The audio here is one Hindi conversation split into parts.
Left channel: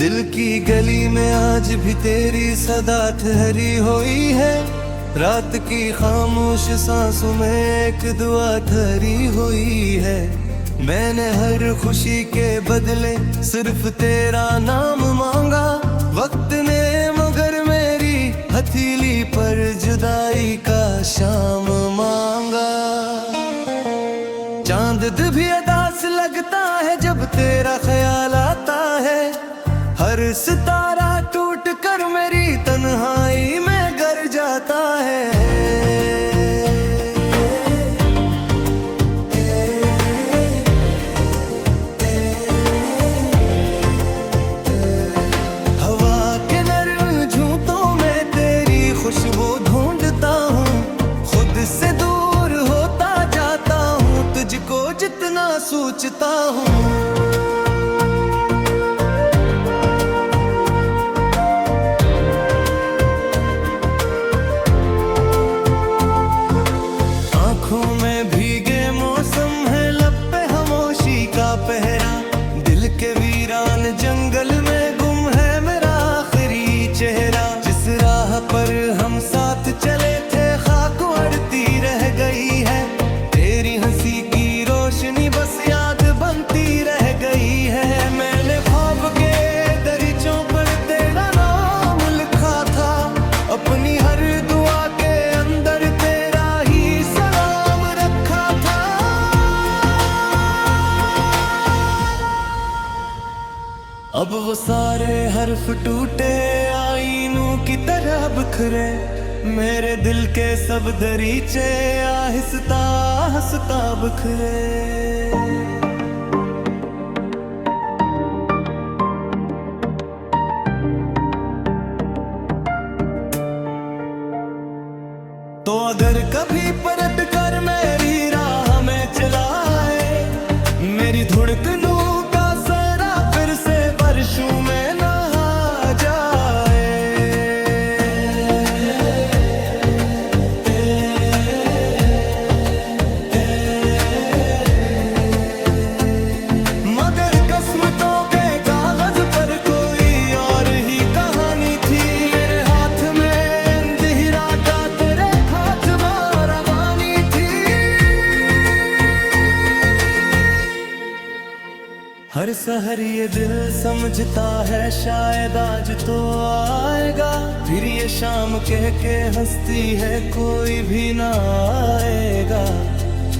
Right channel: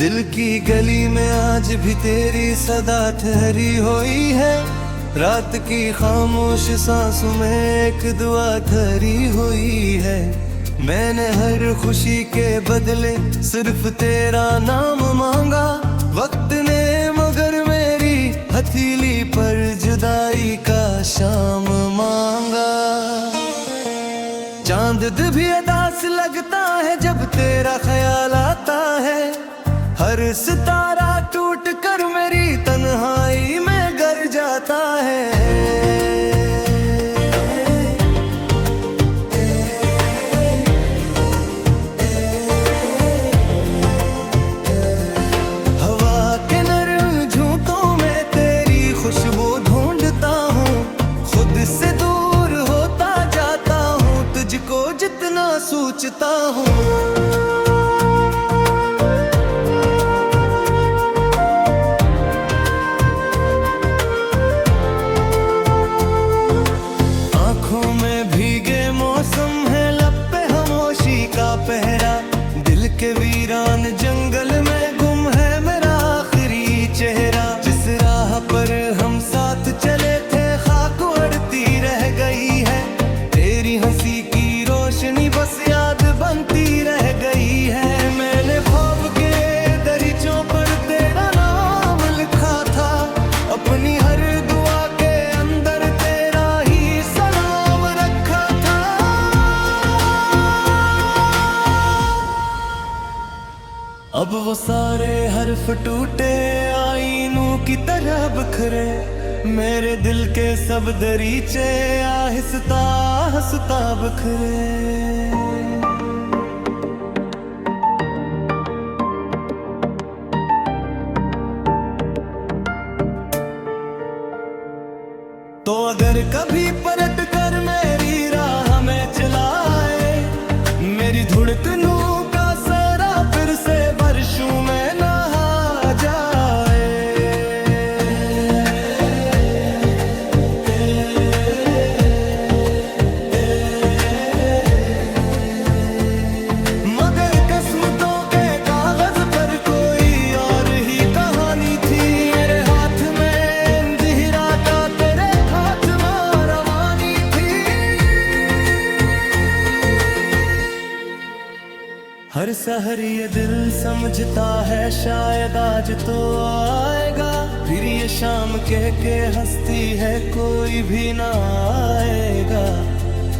दिल की गली में आज भी तेरी सदा ठहरी हुई है। रात की खामोश सांसों में एक दुआ ठहरी हुई है। मैंने हर खुशी के बदले सिर्फ तेरा नाम मांगा। वक्त ने मगर मेरी हथेली पर जुदाई का शाम मांगा। चांद भी उदास लगता है जब तेरा ख्याल आता है। हर सितारा टूट कर मेरी तन्हाई में गर जाता है। हवा के नरम झूठों में तेरी खुशबू ढूंढता हूँ। खुद से दूर होता जाता हूँ, तुझको जितना सोचता हूँ। आँखों में भीगे मौसम है, लब पे खामोशी का पहरा। दिल के वीरान जंगल में गुम है मेरा आखिरी चेहरा। जिस राह पर हम साथ चले थे खाक उड़ती रह गई है। तेरी हंसी की रोशनी बस याद बनती रह गई है। मैंने ख्वाब के दरीचों पर तेरा नाम लिखा था। अपनी हर दुआ के अंदर तेरा ही सलाम रखा था। अब वो सारे हर्फ टूटे आईनों की तरह बिखरे। मेरे दिल के सब दरीचे आहिस्ता आहिस्ता बिखरे। तो अगर कभी पलट कर मेरी राह में चलाए, मेरी धड़कनों का सरा फिर से बारिशों में नहा जाए। मगर किस्मतों के कागज पर कोई और ही कहानी थी। मेरे हाथ में अंधेरा का तेरे हाथ में रवानी थी। हर सहर ये दिल समझता है शायद आज तो आएगा। फिर ये शाम कह के हंसती है कोई भी ना आएगा।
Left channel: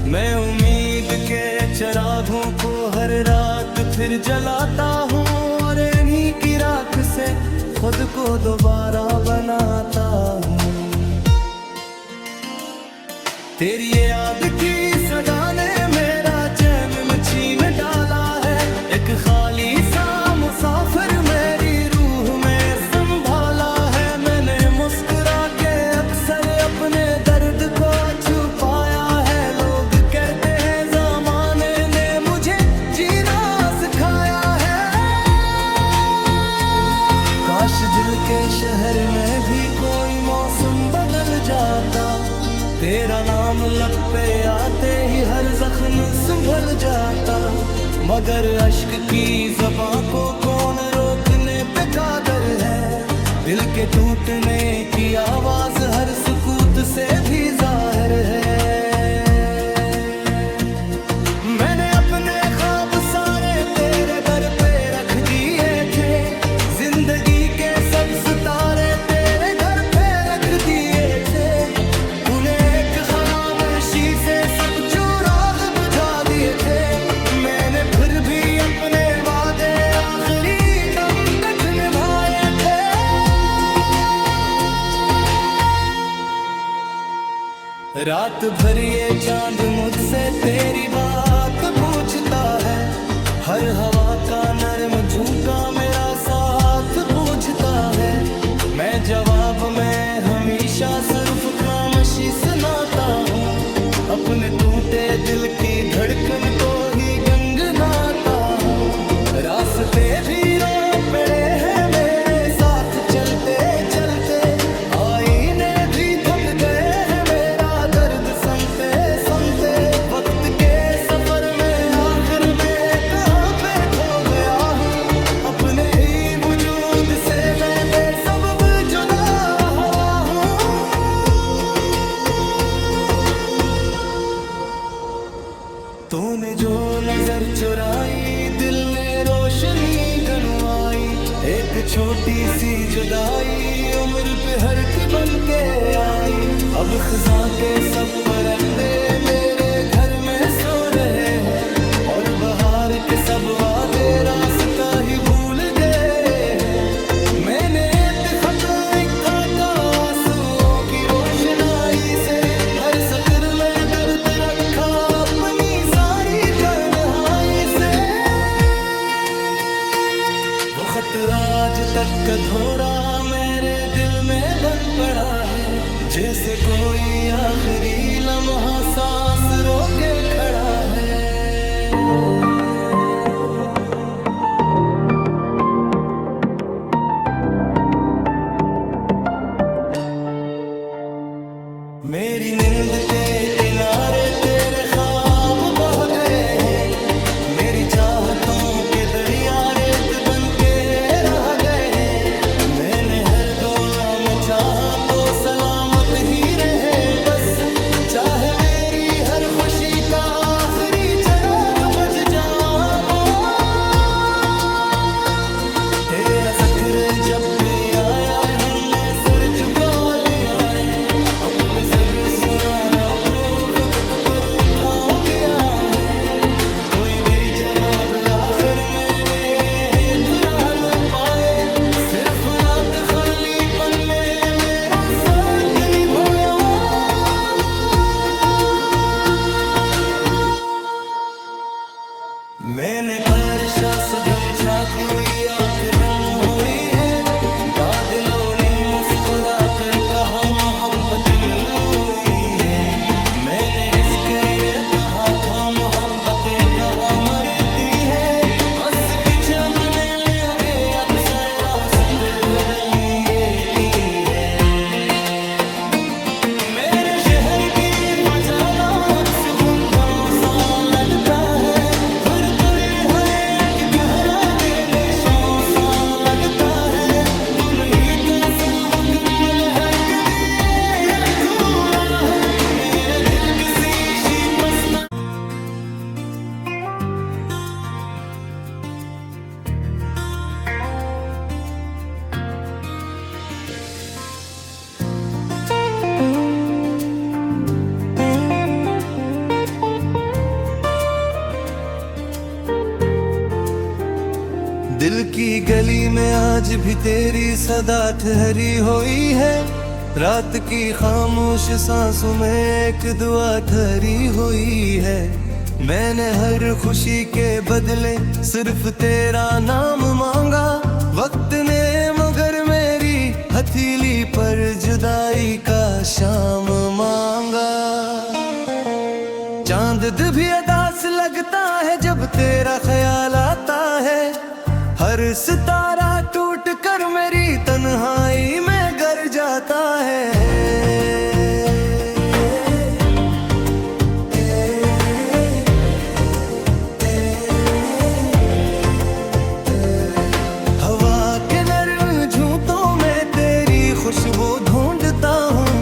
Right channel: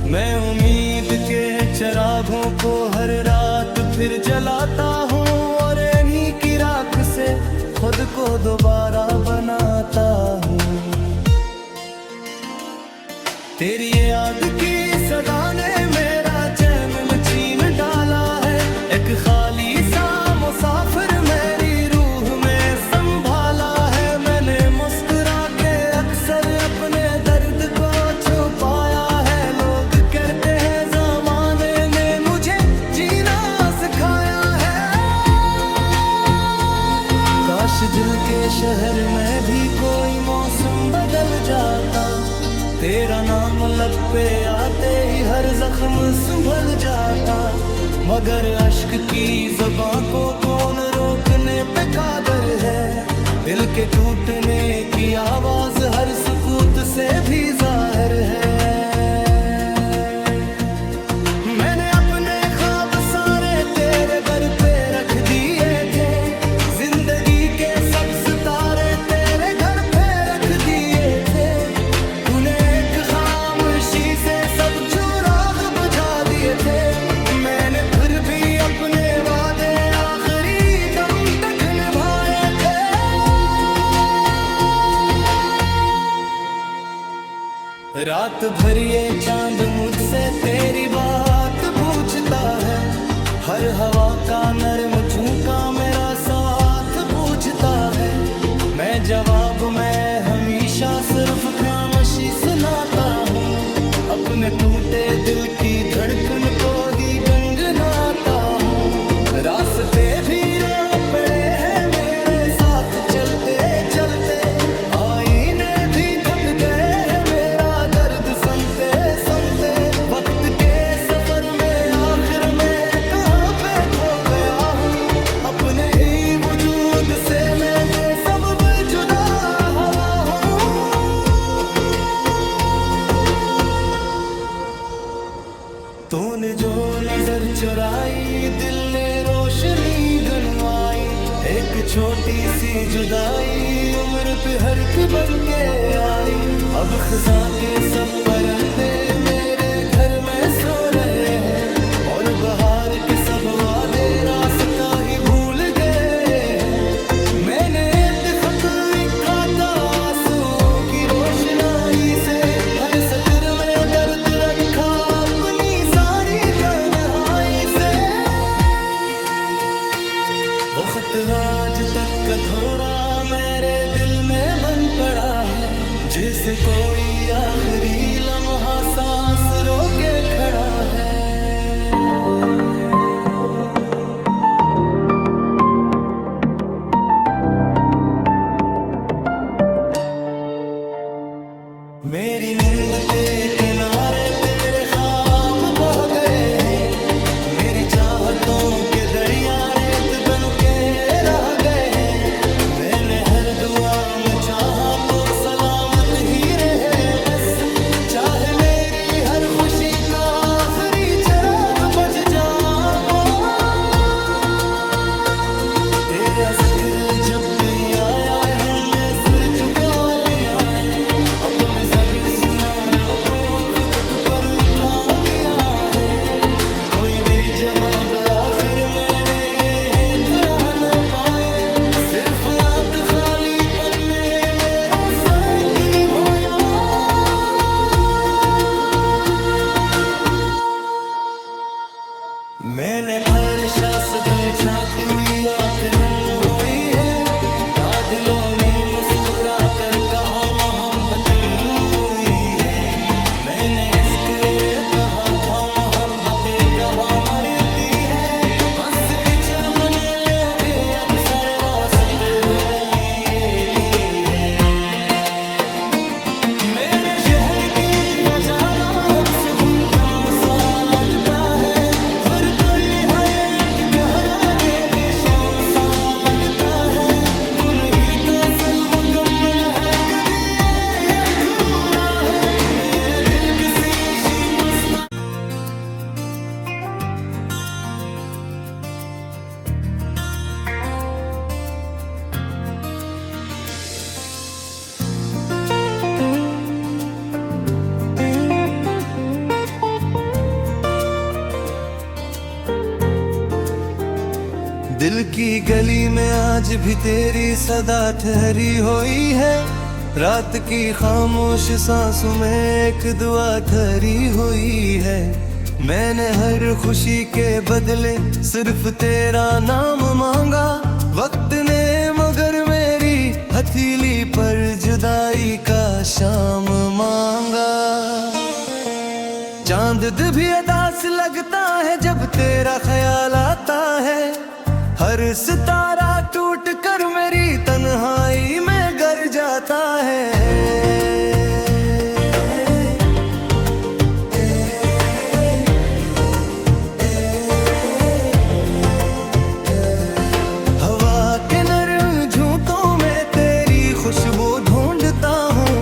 मैं उम्मीद के चिरागों को हर रात फिर जलाता हूँ और इन्हीं की राख से खुद को दोबारा बनाता हूँ। तेरी याद की सदा ने मेरा चैन छीन डाला है। एक खाली सा मुसाफिर मेरी रूह में संभाला है। मैंने मुस्कुरा के अक्सर अपने दर्द को छुपाया है। लोग कहते हैं ज़माने ने मुझे जीना सिखाया है। काश दिल के शहर में भी कोई मौसम बदल जाता। तेरा नाम लब पे आते ही हर जख्म संभल जाता। मगर अश्क की ज़बां को कौन रोकने पे कादर है। दिल के टूटने की आवाज हर सुकूत से भी जाहिर है। मैंने अपने ख्वाब सारे तेरे दर पे रख दिए थे। जिंदगी के सब सितारे तेरे घर पे रख दिए थे। तूने एक खामोशी से सब चिराग बुझा दिए थे। मैंने फिर भी अपने वादे आखिरी दम तक निभाए थे। रात भर ये चांद मुझसे तेरी बात पूछता है। हर हवा का नरम झोंका मेरा साथ पूछता है। मैं जवाब में हमेशा सिर्फ खामोशी सुनाता हूँ। अपने टूटे दिल की धड़कन को ही गंगनाता हूँ। रास्ते भी रो पड़े हैं मेरे साथ चलते चलते। आईने भी थक गए हैं मेरा दर्द सुनते सुनते। वक्त के सफर में आखिर में कहाँ पे खो गया हूँ। अपने ही तूने जो नजर चुराई दिल ने रोशनी गनवाई। एक छोटी सी जुदाई उम्र पे हर की बन के आई। अब खिज़ां के सब परिंदे मेरे घर में सो रहे हैं और बहार के सब वादे रास्ता ही भूल गए हैं। मैंने एक खत लिखा था आंसुओं की रोशनाई से, हर सत्र में दर्द रखा अपनी सारी तन्हाई से। वो खत आज तक अधूरा मेरे दिल में बन पड़ा है, जैसे कोई आखिरी लम्हा सांस रोके खड़ा है। मेरी नींद के किनारे तेरे ख्वाब बह गए हैं, मेरी चाहतों के दरिया रेत बन के रह गए हैं। मैंने हर दुआ में चाहा तो सलामत ही रहे बस, चाहे मेरी हर खुशी का आखिरी चिराग बज जाओ। तेरा ज़िक्र जब भी आया है मैं सिर झुका लिया है। अपने सब सुनाने को वक्त पर उठा गया है, कोई भी जवाब आखिर मैंने तुरा न पाए। सिर्फ रात खाली पन्ने मेरा साथ निभाया। मैंने फरशा से पूछा क्यों आखिर हुई है, दादिलों ने मुस्कुरा कर कहा मोहब्बत हुई है। मैंने हिस कर कहा था मोहब्बतें कहा मरती है। हंस के जब ने लोगे अक्सर रास्ते बदल लिए की है। मेरे शहर की फजाना सुकूनता सा लगता है, फिर कोई है कि कहना देने शौं सा लगता है। तू नहीं तो सब मुकम्मल हर कभी या पूरा है, मेरे दिल किसी शी बसना। दिल की गली में आज भी तेरी सदा ठहरी हुई है, रात की खामोश सांसों में एक दुआ ठहरी हुई है। मैंने हर खुशी के बदले सिर्फ तेरा नाम मांगा, वक्त ने मगर मेरी हथेली पर जुदाई का शाम मांगा। चांद भी उदास लगता है जब तेरा ख्याल आता है, हर सितारा टूट कर मेरी तन्हाई में गर जाता है। हवा के नरम झूठों में तेरी खुशबू ढूंढता हूँ,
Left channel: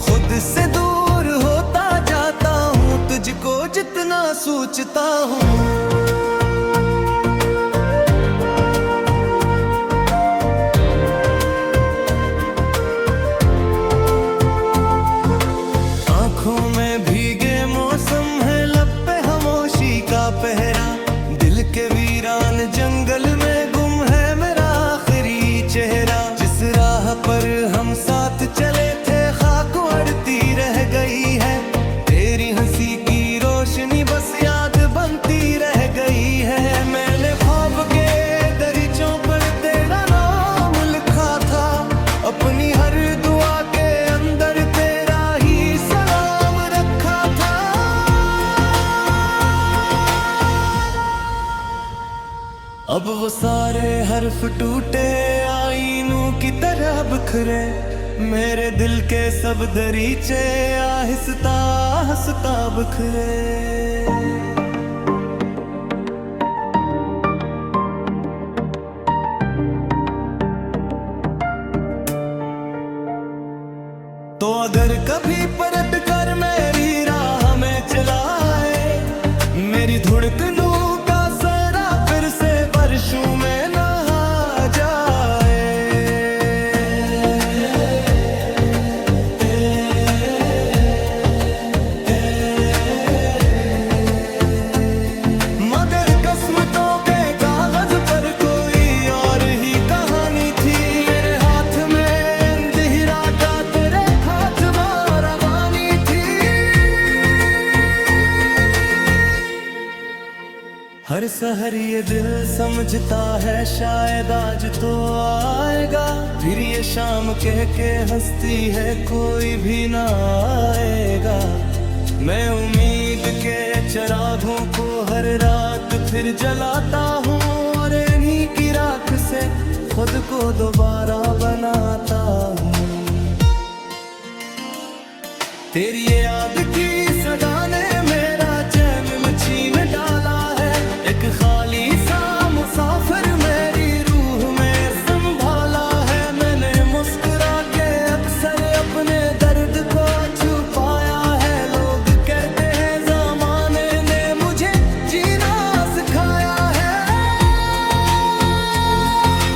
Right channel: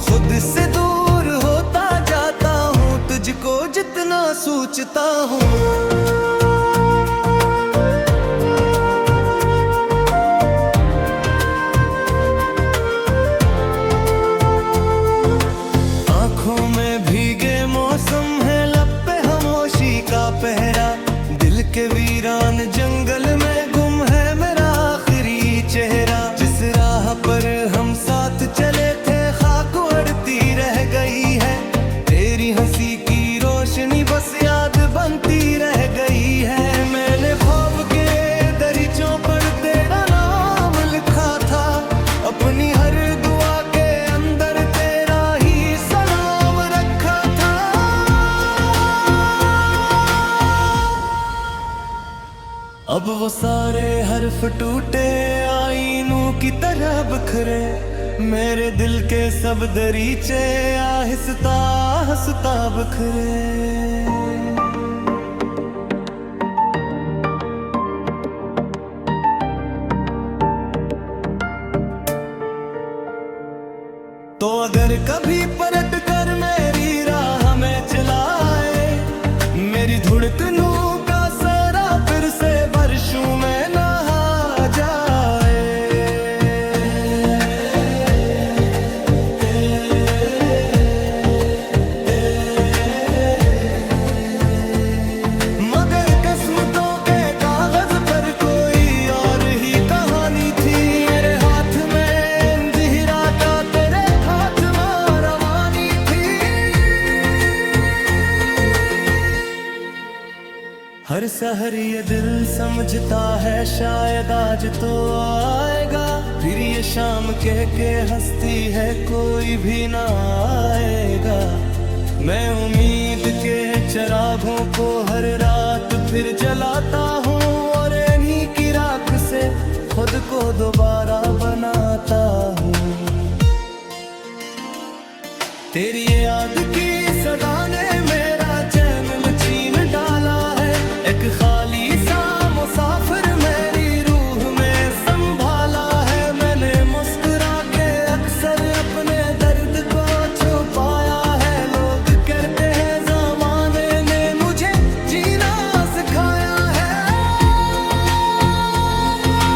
खुद से दूर होता जाता हूँ, तुझको जितना सोचता हूँ। आँखों में भीगे मौसम है, लब पे खामोशी का पहरा। दिल के वीरान जंगल में गुम है मेरा आखिरी चेहरा। जिस राह पर हम साथ चले थे खाक उड़ती रह गई है, तेरी हंसी की रोशनी बस याद बनती रह गई है। मैंने ख्वाब के दरीचों पर तेरा नाम लिखा था, अपनी हर दुआ के अंदर तेरा ही सलाम रखा था। अब वो सारे हर्फ टूटे आईनों की तरह बिखरे, मेरे दिल के सब दरीचे आहिस्ता आहिस्ता बिखरे। तो अगर कभी पलट कर मेरी राह में चलाए, मेरी मेरी धड़कनों का सरा फिर से बारिशों में नहा जाए। मगर किस्मतों के कागज पर कोई और ही कहानी थी। मेरे हाथ में अंधेरा का तेरे हाथ में रवानी थी। हर सहर ये दिल समझता है शायद आज तो आएगा, फिर ये शाम कह के हंसती है कोई भी ना आएगा। मैं उम्मीद के चिरागों को हर रात फिर जलाता हूँ और इन्हीं की राख से खुद को दोबारा बनाता हूँ। तेरी याद की सदा ने मेरा चैन छीन डाला है। एक खाली सा मुसाफिर मेरी रूह में संभाला है। मैंने मुस्कुरा के अक्सर अपने दर्द को छुपाया है। लोग कहते हैं ज़माने ने मुझे जीना सिखाया है।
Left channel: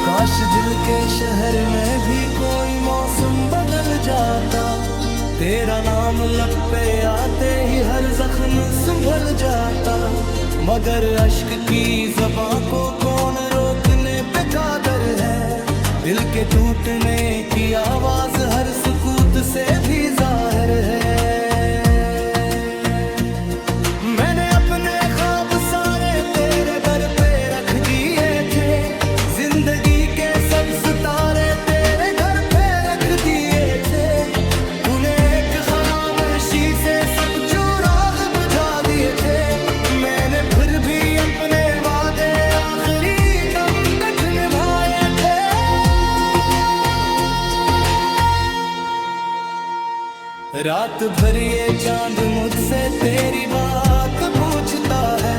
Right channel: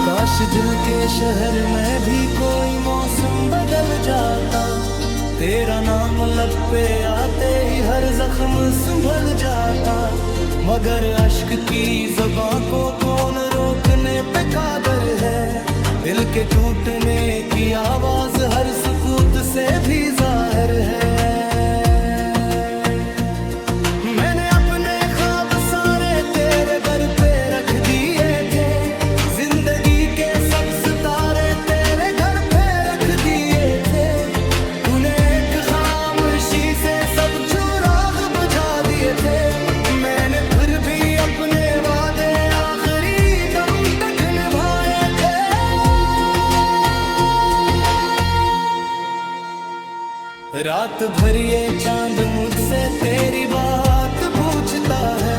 काश दिल के शहर में भी कोई मौसम बदल जाता। तेरा नाम लब पे आते ही हर जख्म संभल जाता। मगर अश्क की ज़बां को कौन रोकने पे कादर है। दिल के टूटने की आवाज हर सुकूत से भी जाहिर है। मैंने अपने ख्वाब सारे तेरे दर पे रख दिए थे। जिंदगी के सब सितारे तेरे घर पे रख दिए थे। तूने एक खामोशी से सब चिराग बुझा दिए थे। मैंने फिर भी अपने वादे आखिरी दम तक निभाए थे। रात भर ये चांद मुझसे तेरी बात पूछता है।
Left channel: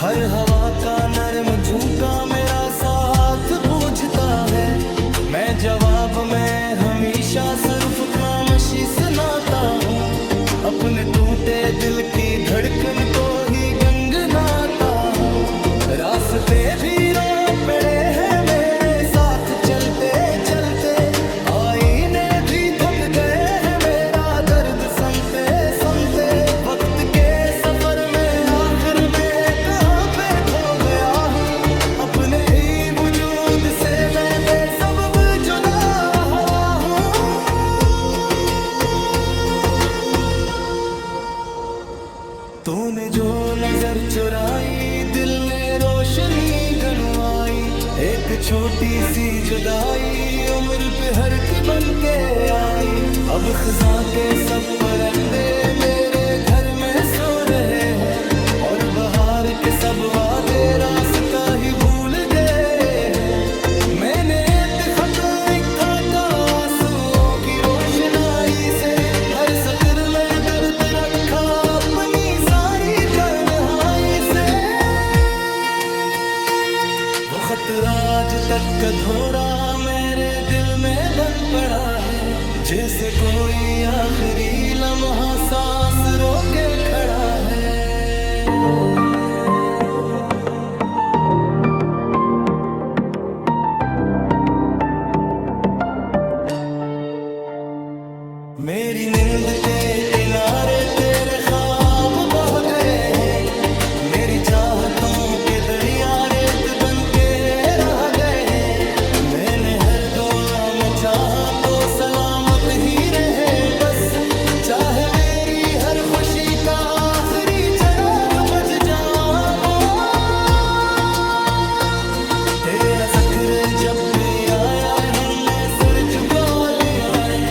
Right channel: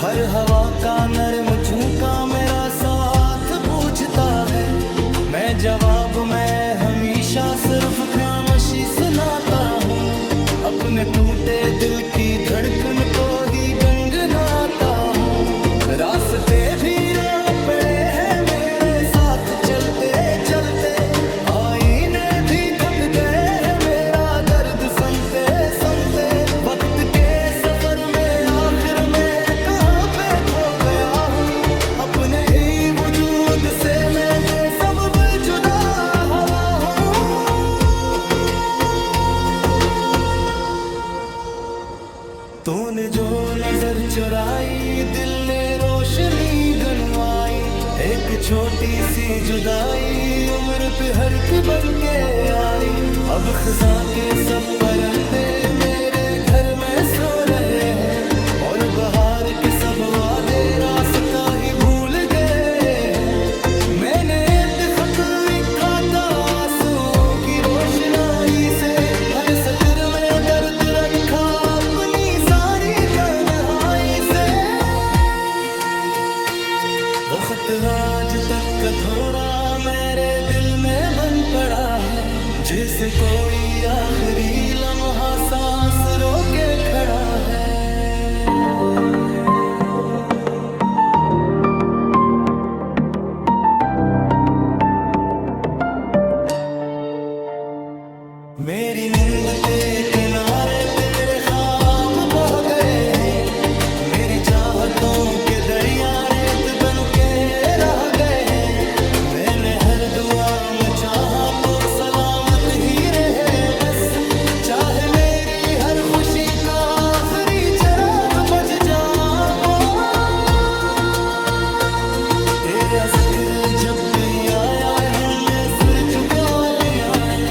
हर हवा का नरम झोंका मेरा साथ पूछता है। मैं जवाब में हमेशा सिर्फ खामोशी सुनाता हूँ। अपने टूटे दिल की धड़कन को ही गंगनाता हूँ। रास्ते भी रो पड़े हैं मेरे साथ चलते चलते। आईने भी थक गए हैं मेरा दर्द सुनते सुनते। वक्त के सफर में आखिर में कहाँ पे खो गया हूँ। अपने ही वजूद से मैं बेसबब जुदा हुआ हूँ। तूने जो नजर चुराई दिल ने रोशनी गनवाई। एक छोटी सी जुदाई उम्र पे हर की बन के आई। अब खिज़ां के सब परिंदे मेरे घर में सो रहे हैं। और बहार के सब वादे रास्ता ही भूल गए हैं। मैंने एक खत लिखा था आंसुओं की रोशनाई से। हर सत्र में दर्द रखा अपनी सारी तन्हाई से। वो खत आज तक अधूरा मेरे दिल में बन पड़ा है। जैसे कोई आखिरी लम्हा सांस रोके खड़ा है। मेरी नींद के किनारे तेरे ख्वाब बह गए हैं। मेरी चाहतों के दरिया रेत बन के रह गए हैं। मैंने हर दुआ में चाहा तो सलामत ही रहे बस। चाहे मेरी हर खुशी का आखिरी चिराग बुझ जाओ। तेरा जिक्र जब भी आया हिलने सिर झुका लिया है।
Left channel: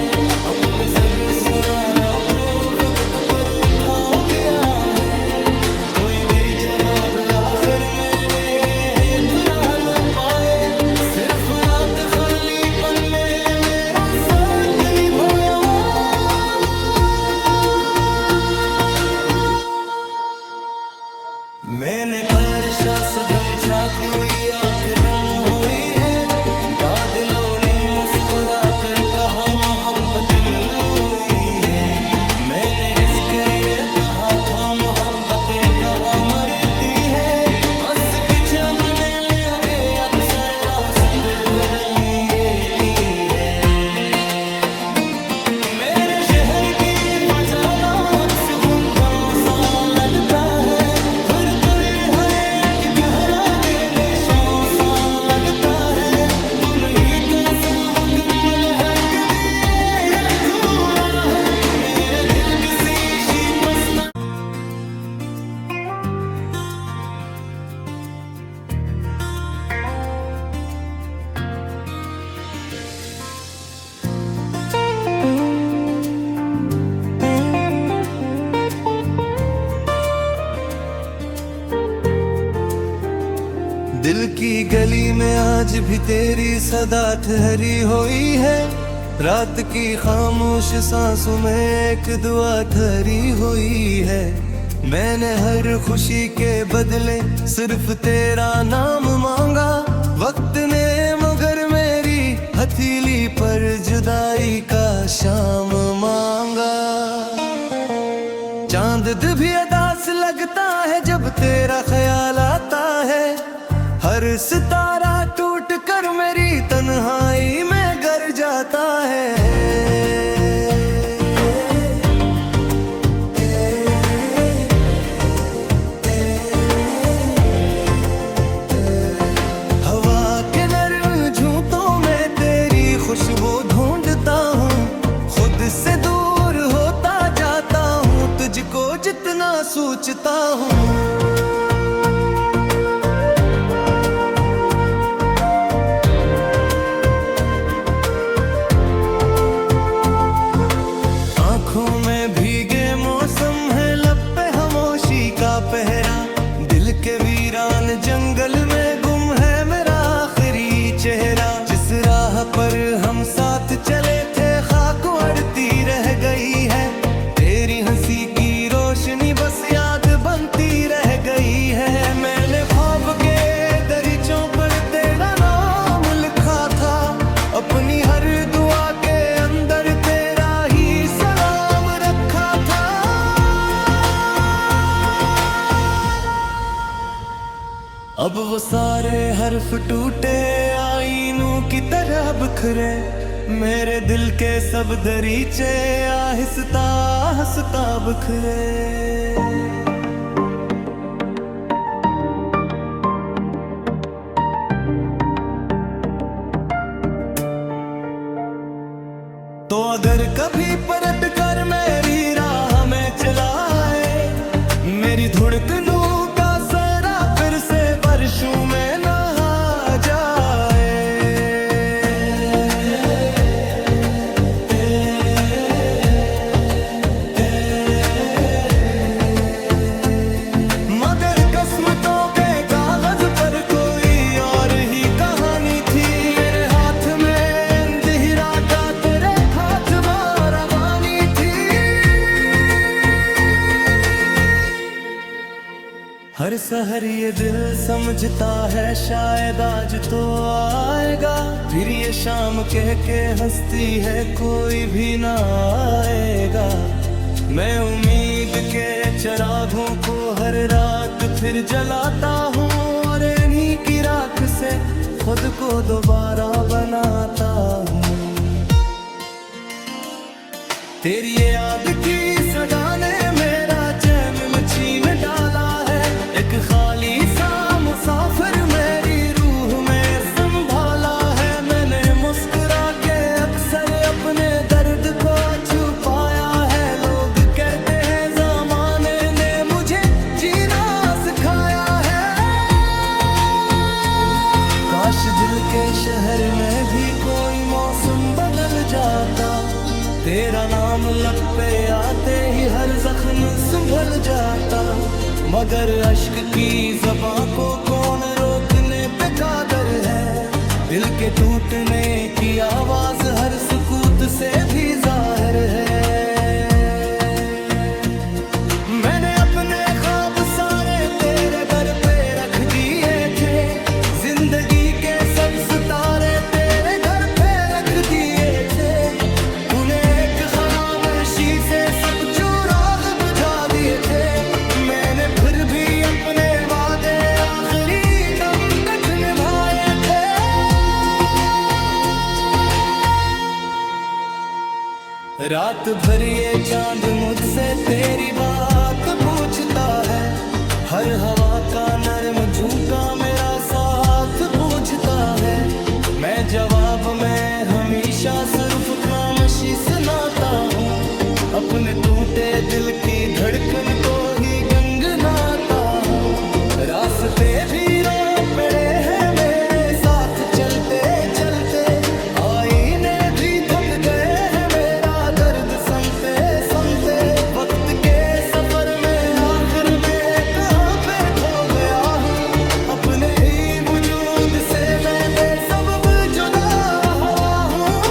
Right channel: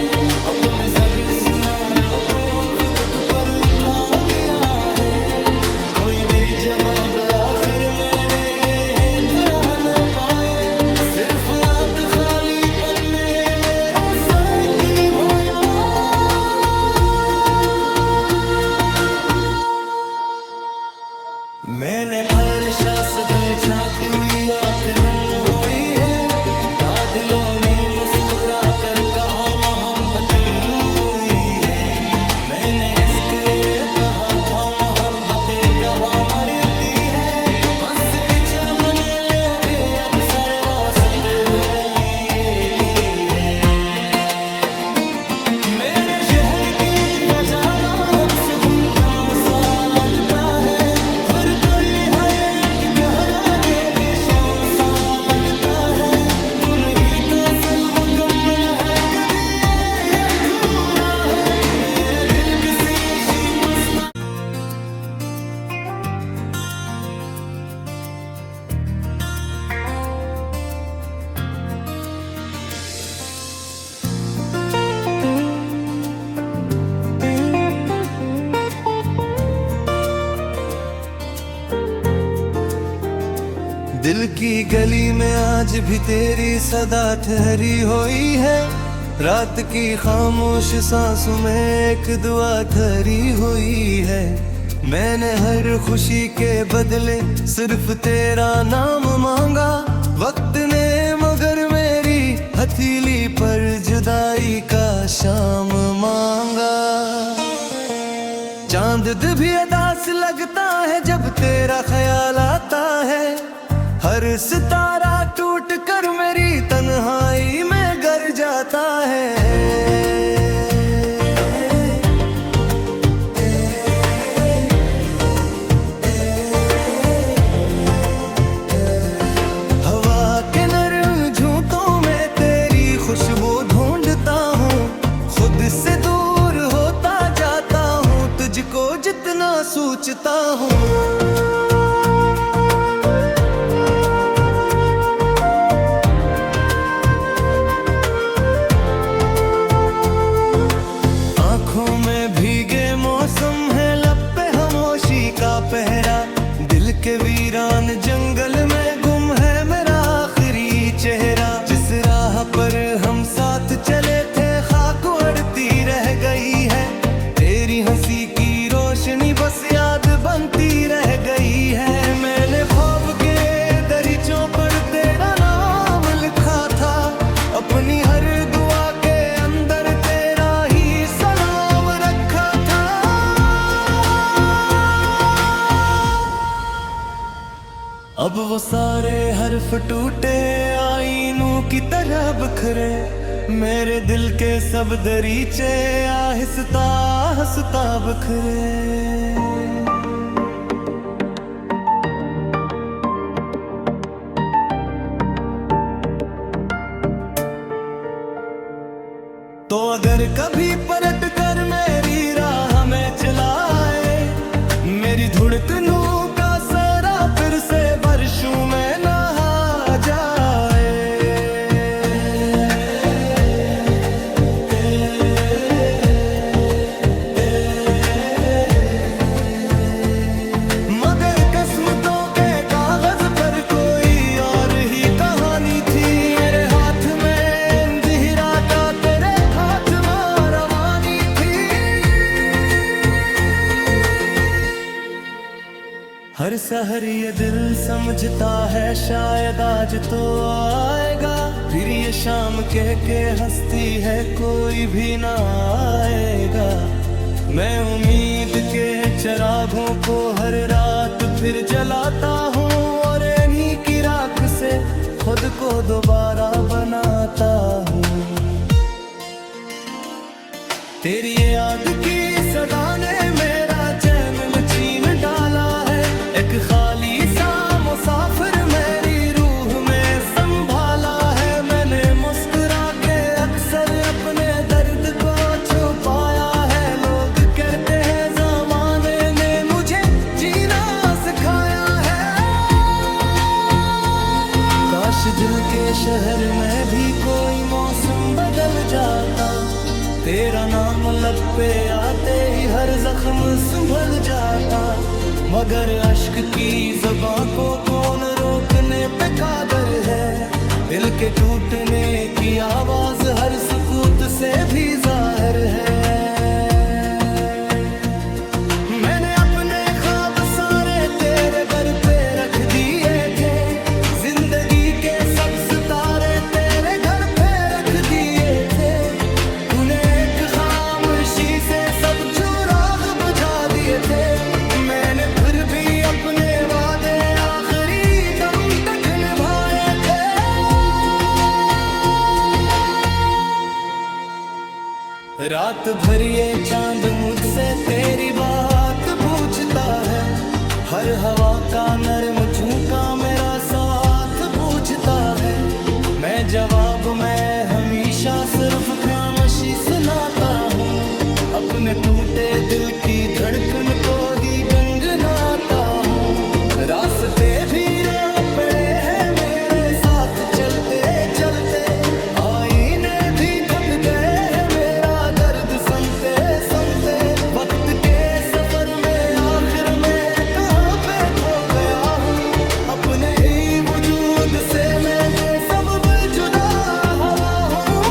अपने सब सुना लो को वक्त पर उठा गया है। कोई भी जवाब आखिर में तुरा न पाए। सिर्फ रात खाली पन्ने मेरा साथ निभाया। मैंने फरशा सदूचा क्यों आखिर हुई है। दिलों ने मुस्कुरा कर कहा मोहब्बत हुई है। मैंने हिस कर कहा कहा था मोहब्बतें कहा मरती है, हंस के अपने लोगे अक्सर रास्ते बदल लिए की है। मेरे शहर की फजाना अक्स खुनता सा लगता है, फिर कोई है कि कहरा देने शौं सा लगता है। तू नहीं तो सब मुकम्मल हर कभी या पूरा है, मेरे दिल किसी शी बसता। दिल की गली में आज भी तेरी सदा ठहरी हुई है, रात की खामोश सांसों में एक दुआ ठहरी हुई है। मैंने हर खुशी के बदले सिर्फ तेरा नाम मांगा, वक्त ने मगर मेरी हथेली पर जुदाई का शाम मांगा। चांद भी अदास लगता है जब तेरा ख्याल आता है, हर सितारा टूट कर मेरी तन्हाई में गर जाता है। हवा के नरम झूठों में तेरी खुशबू ढूंढता हूँ, खुद से दूर होता जाता हूँ, तुझको जितना सोचता हूँ। आँखों में भीगे मौसम है, लब पे खामोशी का पहरा, दिल के वीरान जंगल में गुम है मेरा आखिरी चेहरा। जिस राह पर हम साथ चले थे खाक उड़ती रह गई है, तेरी हंसी की रोशनी बस याद बनती रह गई है। मैंने ख्वाब के दरीचों पर तेरा नाम लिखा था, अपनी हर दुआ के अंदर तेरा ही सलाम रखा था। अब वो सारे हर्फ टूटे आईनों की तरह बिखरे, मेरे दिल के सब दरीचे आहिस्ता आहिस्ता बिखरे। तो अगर कभी पलट कर मेरी राह में चलाए, मेरी धड़कनों का सरा फिर से बारिशों में नहा जाए। मगर किस्मतों के कागज पर कोई और ही कहानी थी, मेरे हाथ में अंधेरा का तेरे रवानी थी। हर सहर ये दिल समझता है शायद आज तो आएगा, फिर ये शाम कह के हंसती है कोई भी ना आएगा। मैं उम्मीद के चिरागों को हर रात फिर जलाता हूँ, और इन्हीं की राख से खुद को दोबारा बनाता हूँ। तेरी याद की सदा ने मेरा चैन छीन डाला है, एक खाली सा मुसाफिर मेरी रूह में संभाला है। मैंने मुस्कुरा के अक्सर अपने दर्द को छुपाया है, लोग कहते हैं ज़माने ने मुझे जीना सिखाया है। काश दिल के शहर में भी कोई मौसम बदल जाता, तेरा नाम लब पे आते ही हर जख्म संभल जाता। मगर अश्क की ज़बां को कौन रोकने पे कादर है, दिल के टूटने की आवाज हर सुकूत से भी जाहिर है। मैंने अपने ख्वाब सारे तेरे घर पे रख दिए थे, जिंदगी के सब सितारे तेरे घर पे रख दिए थे। तूने एक खामोशी से सब चिराग बुझा दिए थे। अपने वादे आखिरी दम तक निभाए थे। रात भर ये चांद मुझसे तेरी बात पूछता है, हर हवा का नर्म झोंका मेरा साथ पूछता है। मैं जवाब में हमेशा सिर्फ खामोशी सुनाता हूँ, अपने टूटे दिल की धड़कन को ही गंगनाता हूँ। रास्ते भी रो पड़े हैं मेरे साथ चलते चलते, आईने भी थक गए हैं मेरा दर्द सुनते सुनते। वक्त के सफर में आखिर में कहाँ पे खो गया हूँ, अपने ही वजूद से मैं बेसबब जुदा हुआ हूँ।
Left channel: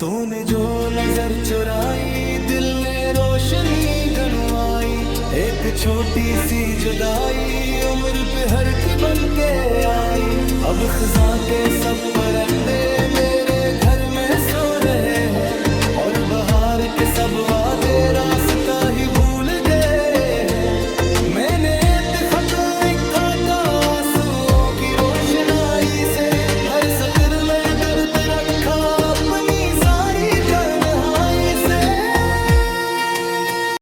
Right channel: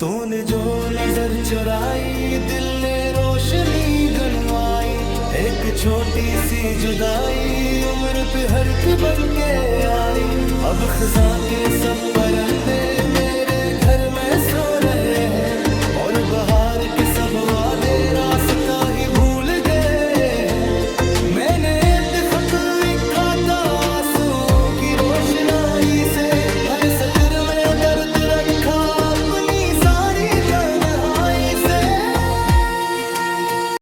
तूने जो नजर चुराई दिल ने रोशनी गनवाई, एक छोटी सी जुदाई उम्र पे हर की बन के आई। अब खिजा के सब परिंदे मेरे घर में सो रहे हैं, और बहार के सब वादे रास्ता ही भूल गए हैं। मैंने एक खत लिखा था आंसुओं की रोशनाई से, हर सत्र में दर्द रखा अपनी